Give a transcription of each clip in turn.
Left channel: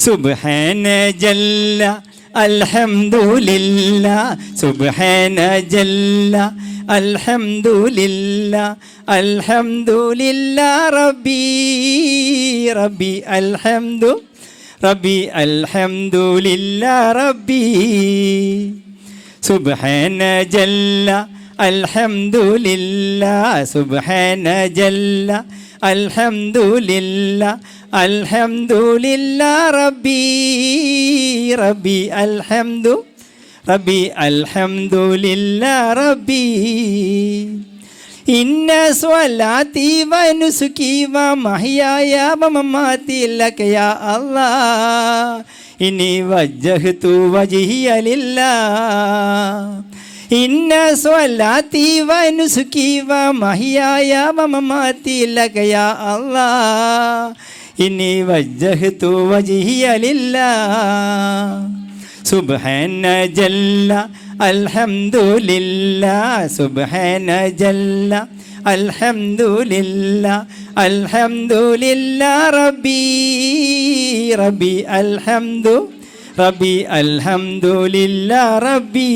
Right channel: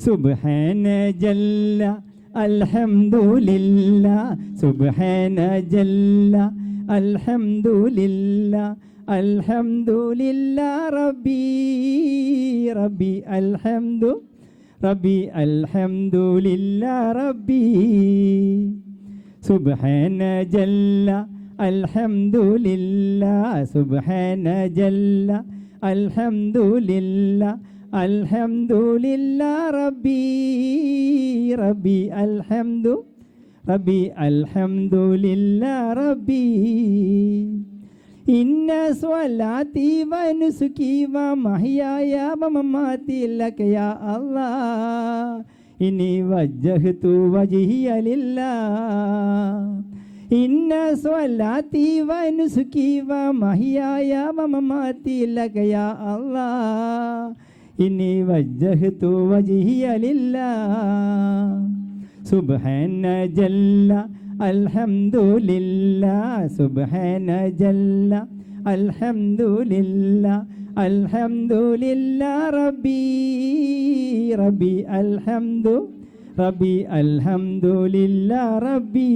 സുബ്ഹാന ജല്ല അൽഹംദുലില്ലാ സുബ്ഹാന ജല്ല അൽഹംദുലില്ലാ അൽഹംദുലില്ലാ റബ്ബി റബ്ബി അൽഹംദുലില്ലാ റബ്ബി സുബ്ഹാന ജല്ല അൽഹംദുലില്ലാ സുബ്ഹാന ജല്ല അൽഹംദുലില്ലാ അൽഹംദുലില്ലാ റബ്ബി അൽഹംദുലില്ലാ റബ്ബി ഇന്ന സ്വലാത്തി വനുസുകി വമഹ്യായ വമമാതി ലക യാ അല്ലാഹ് ഇന്നി വജ്ജഹ്തു വജ്ഹിയ ലില്ലാഹ് ഇന്ന സ്വലാത്തി വനുസുകി വമഹ്യായ വമമാതി ലക യാ അല്ലാഹ് ഇന്നി വജ്ജഹ്തു വജ്ഹിയ ലില്ലാഹ് സുബ്ഹാന ജല്ല അൽഹംദുലില്ലാ സുബ്ഹാന ജല്ല അൽഹംദുലില്ലാ അൽഹംദുലില്ലാ റബ്ബി അൽഹംദുലില്ലാ റബ്ബി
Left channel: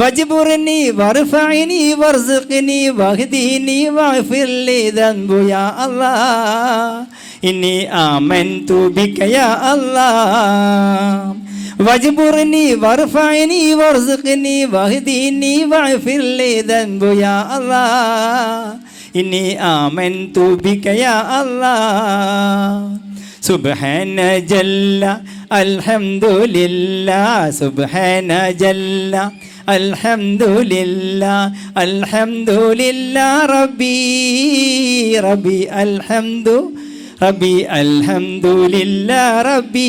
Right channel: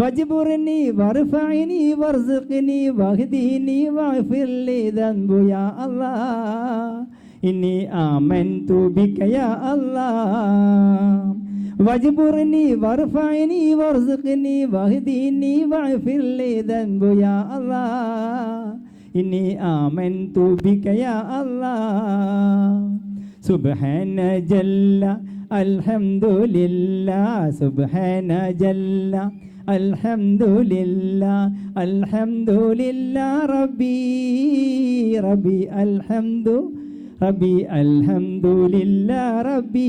വജ്ബുർനി വർഫഅനി വർസുഖ്നി വഹ്ദിനി വഗ്ഫിർലി ദൻബു യാ അല്ലാഹ് ഇന്നി ആമൻതു ബിക യാ അല്ലാഹ് വജ്ബുർനി വർഫഅനി വർസുഖ്നി വഹ്ദിനി വഗ്ഫിർലി ദൻബു യാ അല്ലാഹ് ഇന്നി ആമൻതു ബിക യാ അല്ലാഹ് സുബ്ഹാന ജല്ല അൽഹംദുലില്ലാ സുബ്ഹാന ജല്ല അൽഹംദുലില്ലാ അൽഹംദുലില്ലാ റബ്ബി അൽഹംദുലില്ലാ റബ്ബി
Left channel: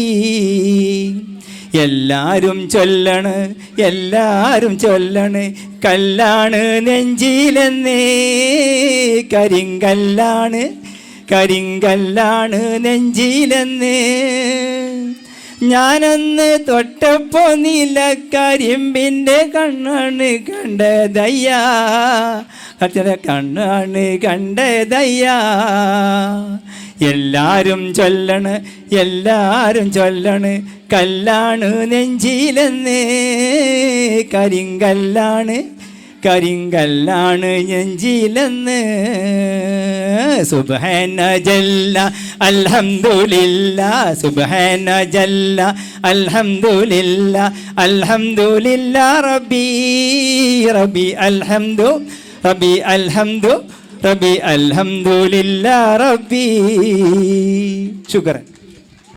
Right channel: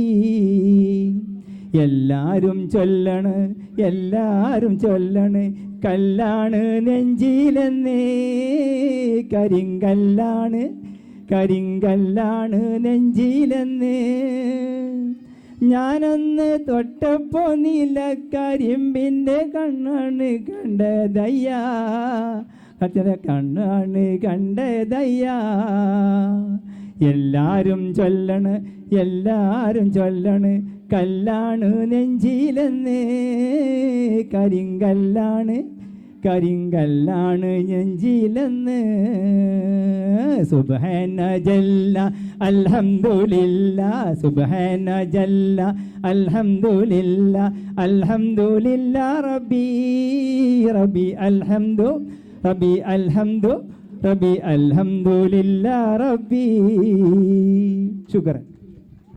എല്ലാരും ചൊല്ലണ് കല്ലാണ് നെഞ്ചിലെന്നേ കരിങ്കല്ലാണ് നെഞ്ചിലെന്നേ ഞാനന്ന് തൊട്ടപ്പോ നീലക്കരിമ്പിൻ്റെ കണ്ണാണ് കണ്ടതയ്യാ കണ്ണാണ് കണ്ടതയ്യാ എല്ലാരും ചൊല്ലണ് കല്ലാണ് നെഞ്ചിലെന്നേ കരിങ്കല്ലാണ് നെഞ്ചിലെന്ന് സുബ്ഹാന ജല്ല അൽഹംദുലില്ലാ സുബ്ഹാന ജല്ല അൽഹംദുലില്ലാ അൽഹംദുലില്ലാ റബ്ബി അൽഹംദുലില്ലാ റബ്ബി ശുക്രൻ.